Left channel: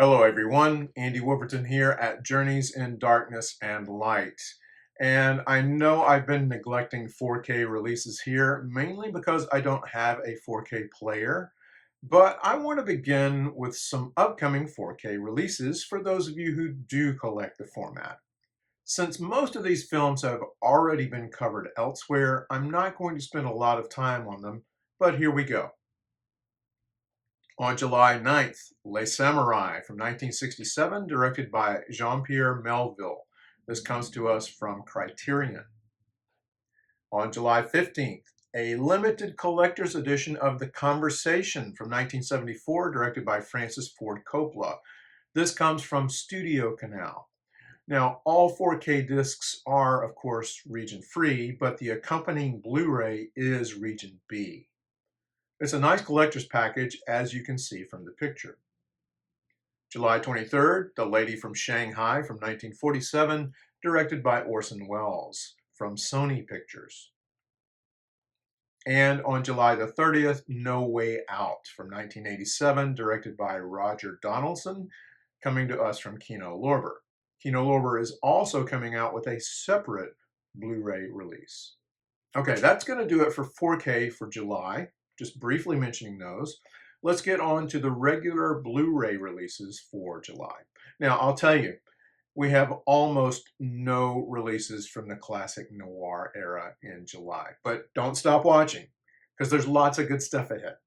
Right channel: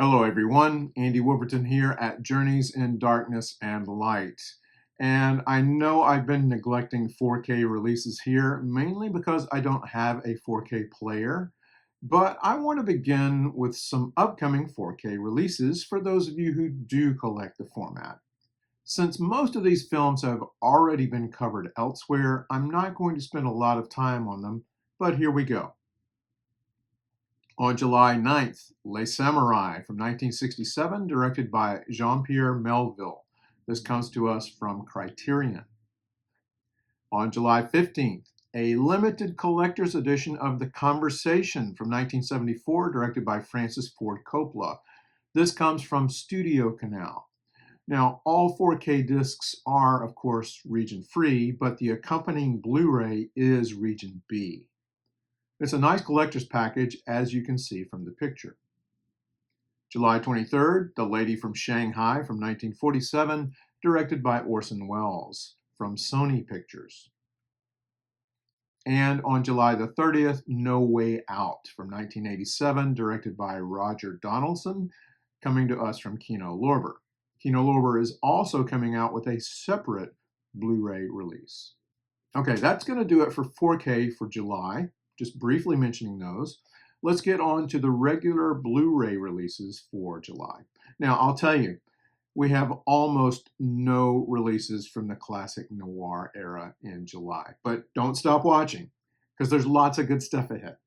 Hello everyone, Andy Wolverton here at Journeys in Darkness and Light. And I know I've been neglecting 4K releases here, mainly because I don't have a 4K player, but I want to begin with some upcoming 4K releases for those of you who do collect the format. Since most of these films have already been covered elsewhere, I'm not going to spend a lot of time on them, but here we go. On July 9th, Les Samurai from 1967, directed by Jean-Pierre Melville. This comes to us from Criterion. On July 15th, a limited collector's edition of The Conversation from 1974, directed by Francis Ford Coppola. This comes from Studio Canal. Now, all 4K discs are, of course, region free, but the accompanying Blu-ray is region B. It's a nice collector's package, as you can see from the picture. July 23rd, The Lady from Shanghai from 1947, directed by Orson Welles from Sony Pictures. And on July the 30th, No Way Out from 1987, directed by Roger Donaldson, coming to us from Kino Lorber. Kino Lorber is also coming out with a separate Blu-ray release. Okay, that's going to do it for 4K for July, just briefly mentioning those. Let's get on to the regular Blu-ray releases for July. Now, I'll tell you, we have almost no releases from the classic noir era in July, but don't stop watching because there's lots of good stuff ahead.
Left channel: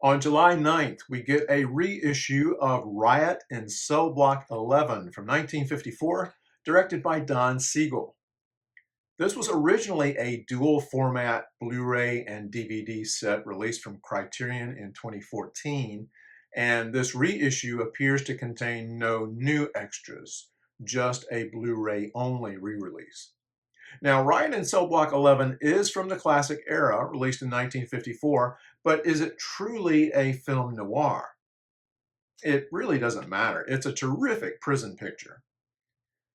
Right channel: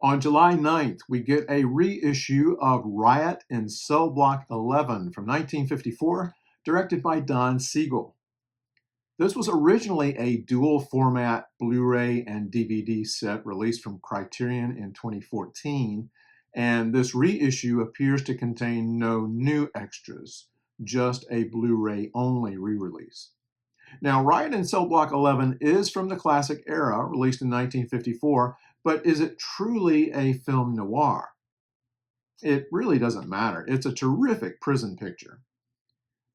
On July 9th, we get a reissue of Riot in Cell Block 11 from 1954, directed by Don Siegel. This was originally a dual format Blu-ray and DVD set released from Criterion in 2014, and this reissue appears to contain no new extras, just a Blu-ray only re-release. Now, Riot in Cell Block 11 is from the classic era, released in 1954, but is it truly a film noir? It really doesn't matter. It's a terrific prison picture.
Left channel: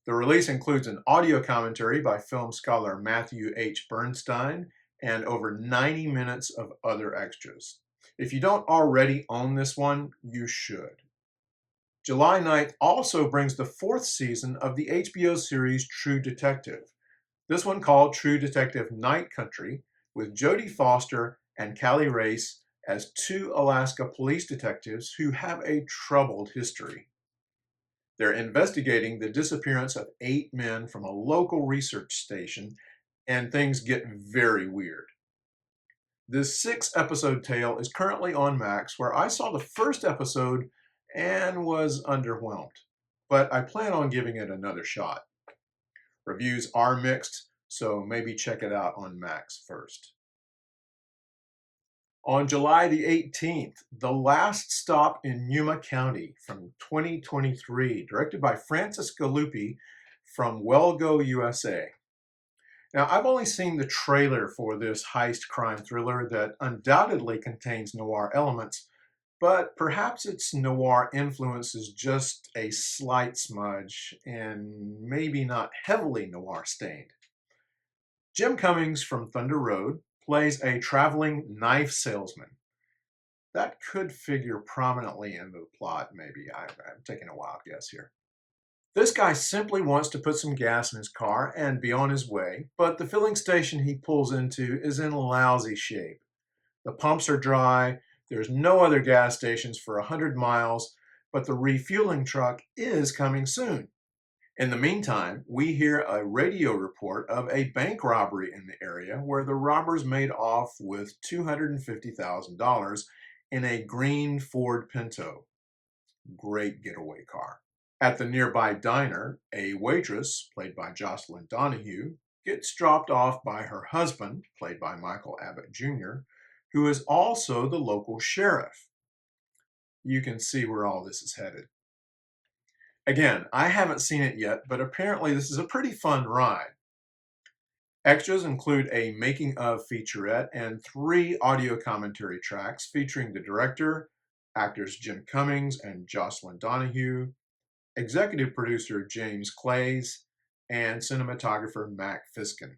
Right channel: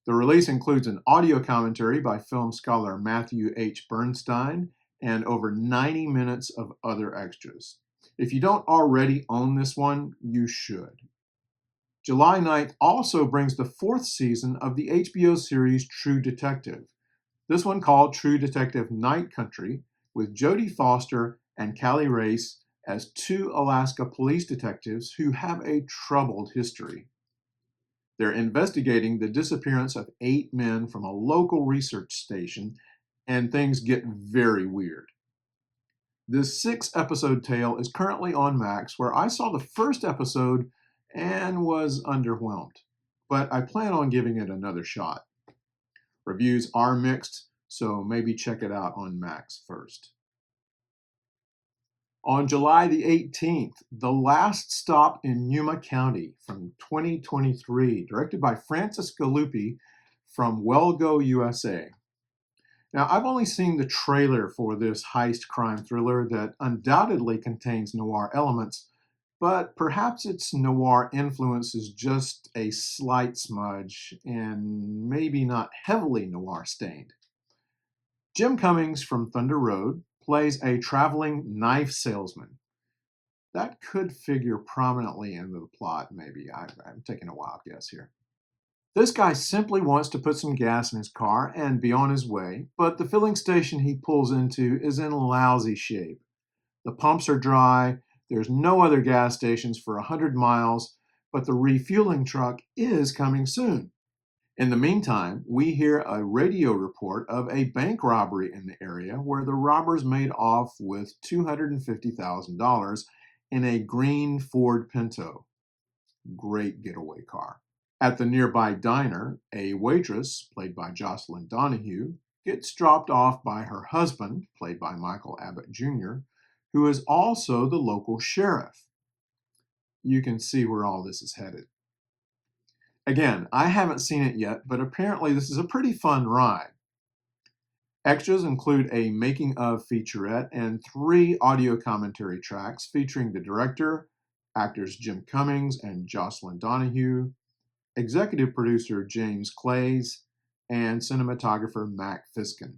The release includes an audio commentary by film scholar Matthew H. Bernstein and over 90 minutes of other extras. If you don't already own this one, you should. July 9th also brings the 4th season of the HBO series True Detective. This one called True Detective Night Country, with Jodie Foster and Callie Race as two Alaska police detectives who have a troubled history. They're investigating the disappearance of 8 men from a local research station, and things get very weird. This 6-episode tale is currently on Max, where I saw the first episode and was underwhelmed, but I plan on giving it another shot. Reviews are mixed, so maybe check it out on Max first. On July the 18th, The Last Stop in Yuma County from 2023, directed by Francis Galuppi from Wellgo, USA. Now, I've only seen the trailer for this heist crime thriller that undoubtedly contains noir elements, but perhaps its noir influence is just a slight smudge and maybe not heavily noir stained. Jim Cummings from Thunder Road plays a traveling knife salesman. That could figure prominently into the plot, maybe. I'm taking a wild guess here. This guy simply wants to put some gas in his car and be on his way, but the filling station he pulls into is in lousy shape. The pumps are dry, there's no other gas stations for 100 miles, but the refueling truck is coming soon. In the meantime, we hear a radio report of a bank robbery in the area where the robbers made off with $250,000 in a green Ford Pinto. Great getaway car. At the nearby diner, a waitress, played by Jocelyn Donahue, gets dropped off by her husband, played by Michael Abbott Jr., who is also the local sheriff. You can see where all this is headed. Again, I haven't seen it yet, but apparently this is a pretty fun ride. Extras include a making of featurette and 3 audio commentary tracks featuring the director, actors Jim Cummings and Jocelyn Donahue, executive producer James Clays, and cinematographer Mac Fiskin.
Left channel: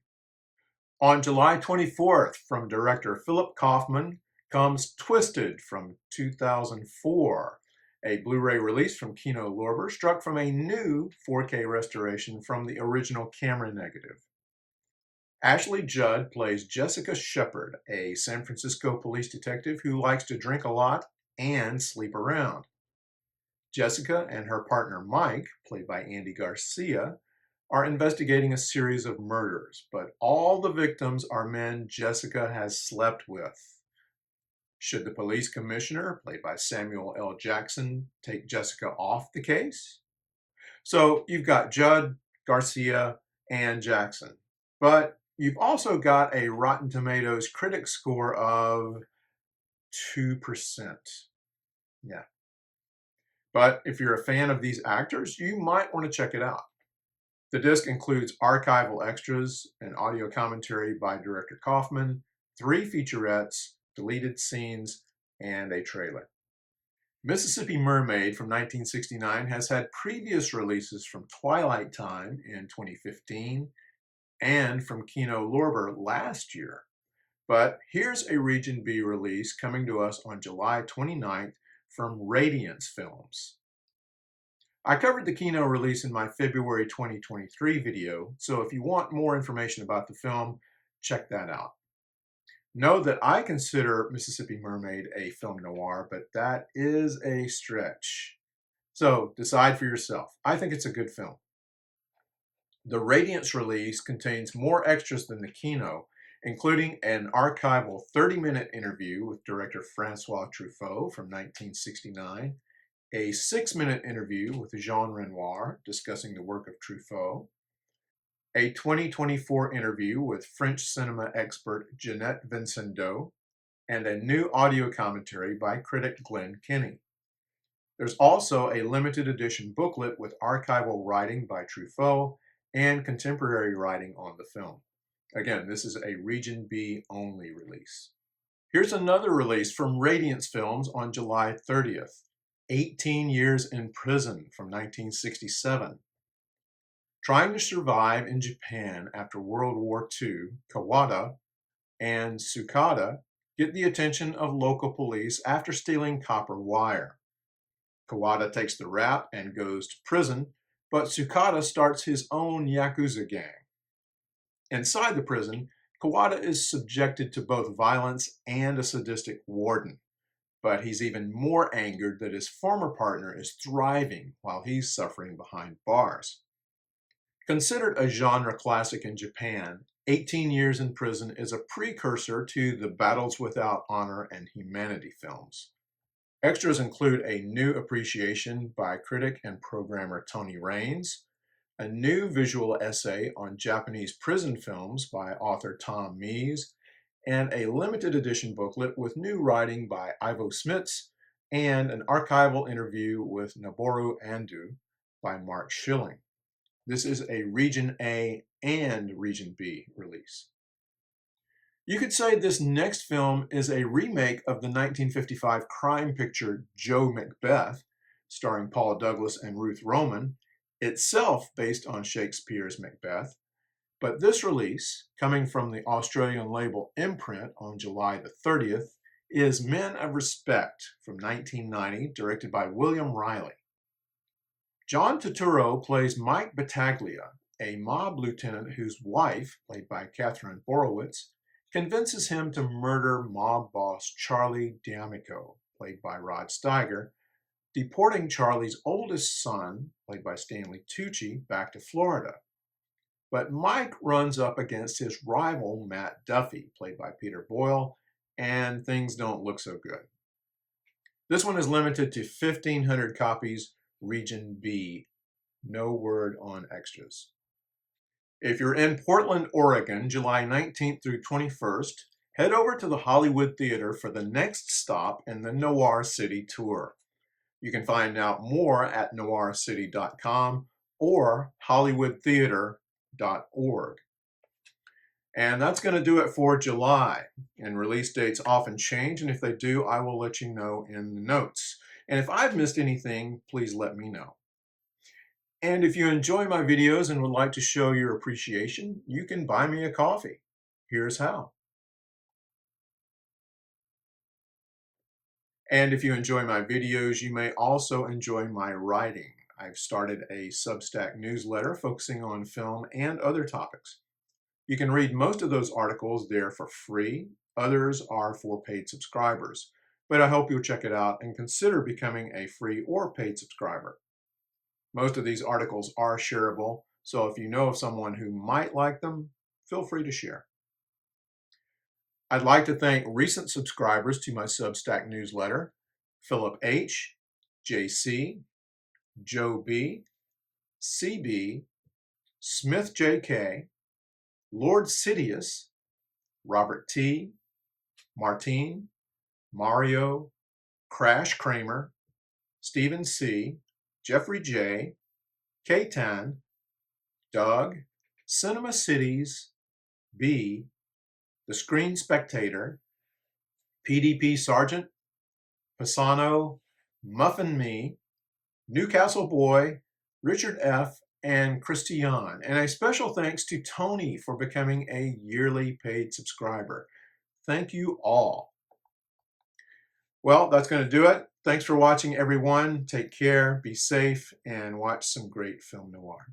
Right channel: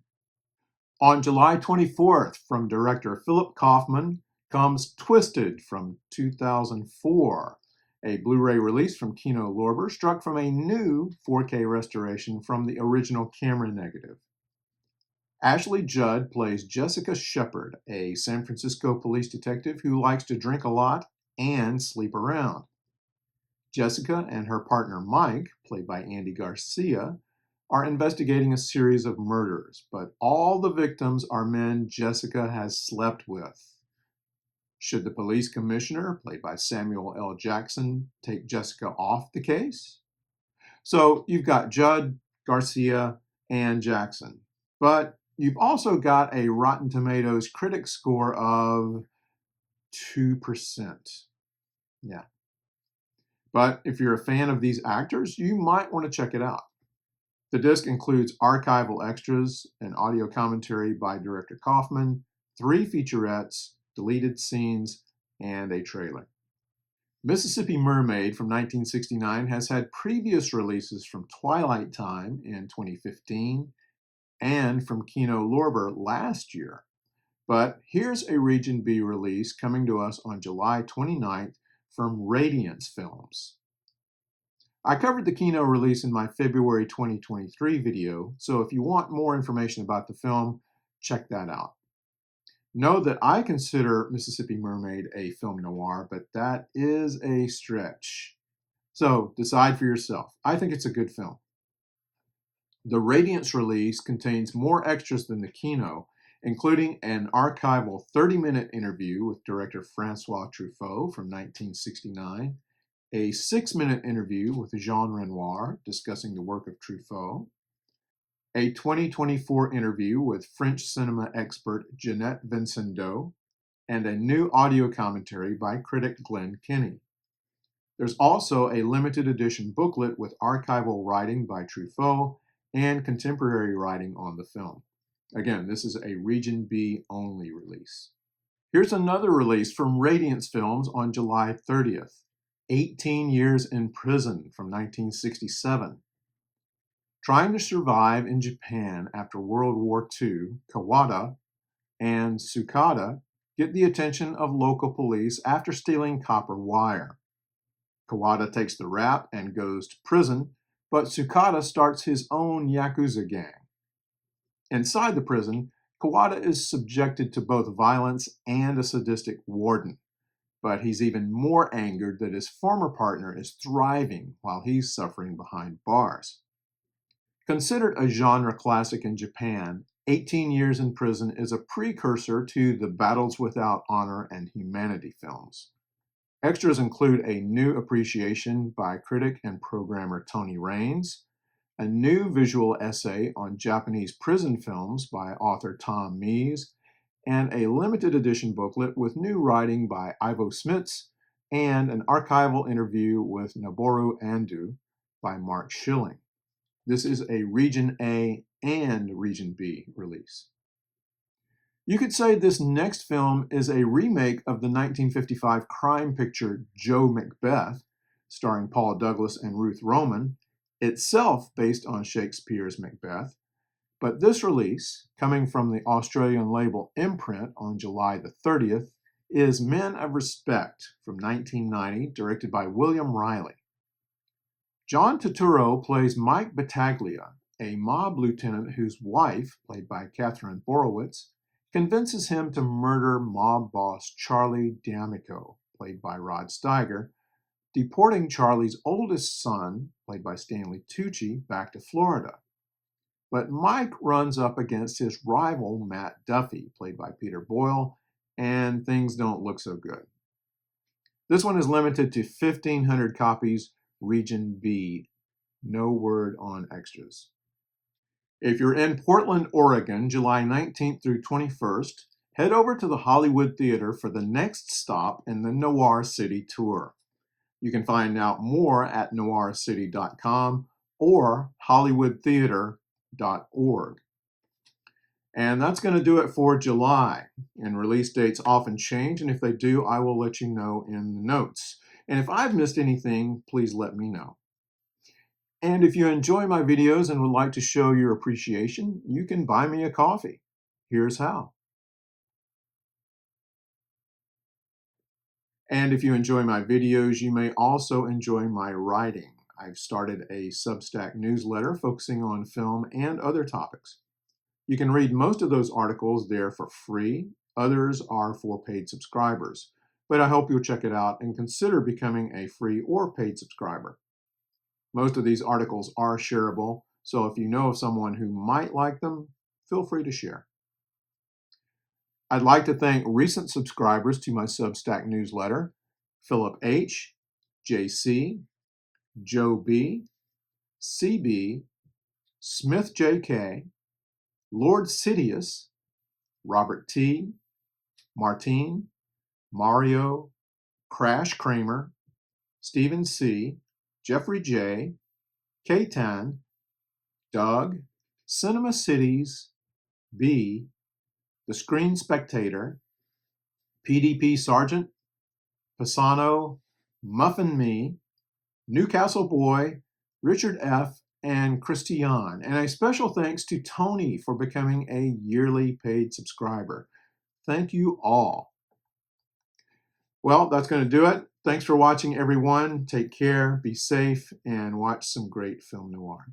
On July 24th, from director Philip Kaufman, comes Twisted from 2004. A Blu-ray release from Kino Lorber struck from a new 4K restoration from the original camera negative. Ashley Judd plays Jessica Shepard, a San Francisco police detective who likes to drink a lot and sleep around. Jessica and her partner Mike, played by Andy Garcia, are investigating a series of murders, but all the victims are men Jessica has slept with. Should the police commissioner, played by Samuel L. Jackson, take Jessica off the case? So you've got Judd, Garcia, and Jackson, but you've also got a Rotten Tomatoes critic score of 2%. Yeah. But if you're a fan of these actors, you might want to check it out. The disc includes archival extras, an audio commentary by director Kaufman, 3 featurettes, deleted scenes, and a trailer. Mississippi Mermaid from 1969 has had previous releases from Twilight Time in 2015 and from Kino Lorber last year. But here's a Region B release coming to us on July 29th from Radiance Films. I covered the Kino release in my February 2023 video, so if you want more information about the film, check that out. Know that I consider Mississippi Mermaid a film noir, but that is a stretch. So decide for yourself. I think it's a good film. The Radiance release contains more extras than the Kino, including an archival 30-minute interview with director Francois Truffaut from 1969, a 6-minute interview with Jean Renoir discussing the work of Truffaut, a 2024 interview with French cinema expert Jeanette Vincendeau, and a new audio commentary by critic Glenn Kenny. There's also a limited edition booklet with archival writing by Truffaut and contemporary writing on the film. Again, this is a Region B only release. Here's another release from Radiance Films on July 30th, 18 Years in Prison from 1967. Trying to survive in Japan after World War II, Kawada and Tsukada get the attention of local police after stealing copper wire. Kawada takes the rap and goes to prison, but Tsukada starts his own Yakuza gang. Inside the prison, Kawada is subjected to both violence and a sadistic warden, but he's even more angered that his former partner is thriving while he's suffering behind bars. Considered a genre classic in Japan, 18 Years in Prison is a precursor to the Battles Without Honor and Humanity films. Extras include a new appreciation by critic and programmer Tony Raines, a new visual essay on Japanese prison films by author Tom Mees, and a limited edition booklet with new writing by Ivo Smits and an archival interview with Noboru Ando by Mark Schilling. This is a Region A and Region B release. You could say this next film is a remake of the 1955 crime picture Joe Macbeth, starring Paul Douglas and Ruth Roman, itself based on Shakespeare's Macbeth. But this release, coming from the Australian label Imprint on July the 30th, is Men of Respect from 1990, directed by William Riley. John Turturro plays Mike Battaglia, a mob lieutenant whose wife, played by Catherine Borowitz, convinces him to murder mob boss Charlie D'Amico, played by Rod Steiger, deporting Charlie's oldest son, played by Stanley Tucci, back to Florida. But Mike runs up against his rival Matt Duffy, played by Peter Boyle, and things don't look so good. This one is limited to 1,500 copies, Region B, no word on extras. If you're in Portland, Oregon, July 19th through 21st, head over to the Hollywood Theater for the next stop in the Noir City Tour. You can find out more at noircity.com or hollywoodtheater.org. And that's going to do it for July. And release dates often change, and if they do, I will let you know in the notes. And if I've missed anything, please let me know. And if you enjoy my videos and would like to show your appreciation, you can buy me a coffee. Here's how. And if you enjoy my videos, you may also enjoy my writing. I've started a Substack newsletter focusing on film and other topics. You can read most of those articles there for free. Others are for paid subscribers. But I hope you'll check it out and consider becoming a free or paid subscriber. Most of these articles are shareable, so if you know of someone who might like them, feel free to share. I'd like to thank recent subscribers to my Substack newsletter: Philip H., JC, Joe B., CB, Smith JK, Lord Sidious, Robert T., Martine, Mario, Crash Kramer, Stephen C., Jeffrey J., K-Tan, Doug, Cinema Cities, B., The Screen Spectator, PDP Sergeant, Pisano, Muffin Me, Newcastle Boy, Richard F., and Christian. And a special thanks to Tony for becoming a yearly paid subscriber. Thank you all. Well, that's going to do it. Thanks for watching, everyone. Take care, be safe, and watch some great film noir.